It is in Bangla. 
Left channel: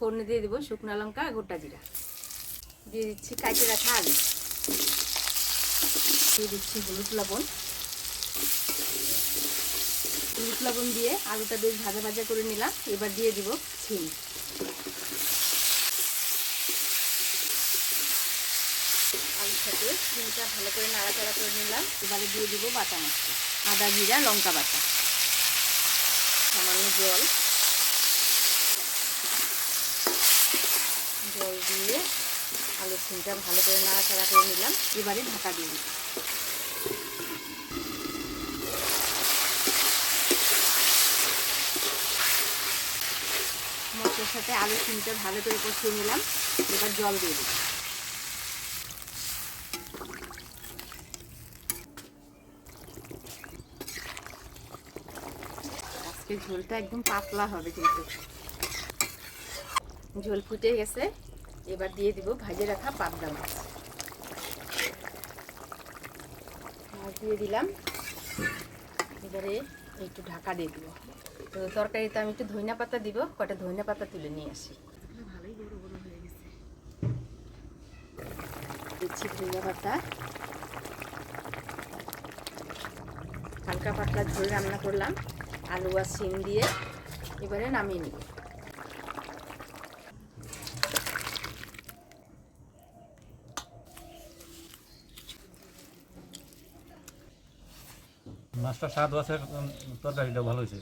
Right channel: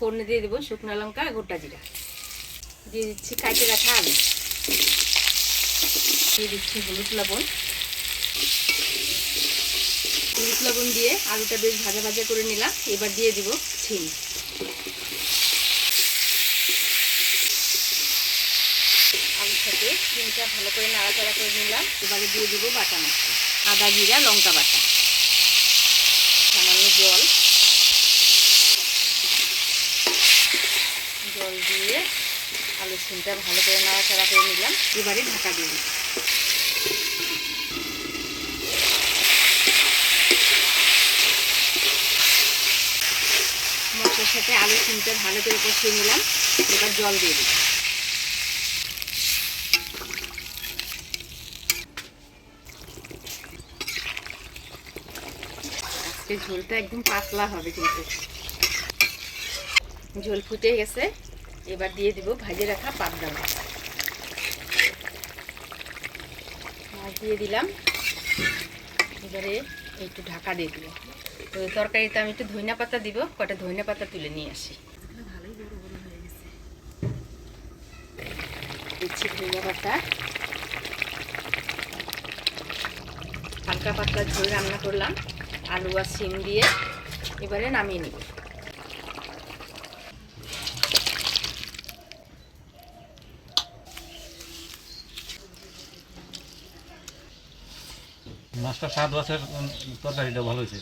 ফোড়নে দিয়ে দেবো শুকনো লঙ্কা গোটা জিরা, দিয়ে দিচ্ছি কাটে রাখা আলু, দিয়ে দিচ্ছি হলুদ লবণ। হলুদ লবণ দিয়ে আলুটা বেশ ভাজা ভাজা করে নিলাম। এবার দিয়ে দিব শিম। আলুর সাথে শিমটা ভালো করে নাড়াচাড়া করে নিলাম। এবারে দিয়ে দিব বাটা মশলা, আদা জিরা লঙ্কা বাটা, সামান্য জল দিয়ে আলুর শিমটা ভালো করে নাড়াচাড়া করে নিলাম। এবারে ঢাকা দিয়ে দিই। মশলার সাথে আলু শিমটা ভালো করে কষিয়ে নিলাম। এবার জল দিয়ে দিই। আজকে ঝোলটা একদম পাতলা হবে, কিন্তু ঝোল ফুটে গেছে। এবার দিয়ে দিব ভাজে রাখা পাবদা মাছ। মাছ দিয়ে দিলাম। এবারে একটু ঢাকা দিয়ে দিব। তো তরকারিতে আমি একটু ধনিয়া পাতা দিব, কটা ধনিয়া পাতা তুলে নিয়ে আসি। ভালোই বড় বড় হয়ে গেছে। দিচ্ছি ধনিয়া পাতা। হালকা পাতলা ঝোল রান্না করলাম আলু আর শিম দিয়ে। এবারে নামিয়ে নিব। মাছটা স্বাদ আছে, তরকারিটা ভালো হয়েছে।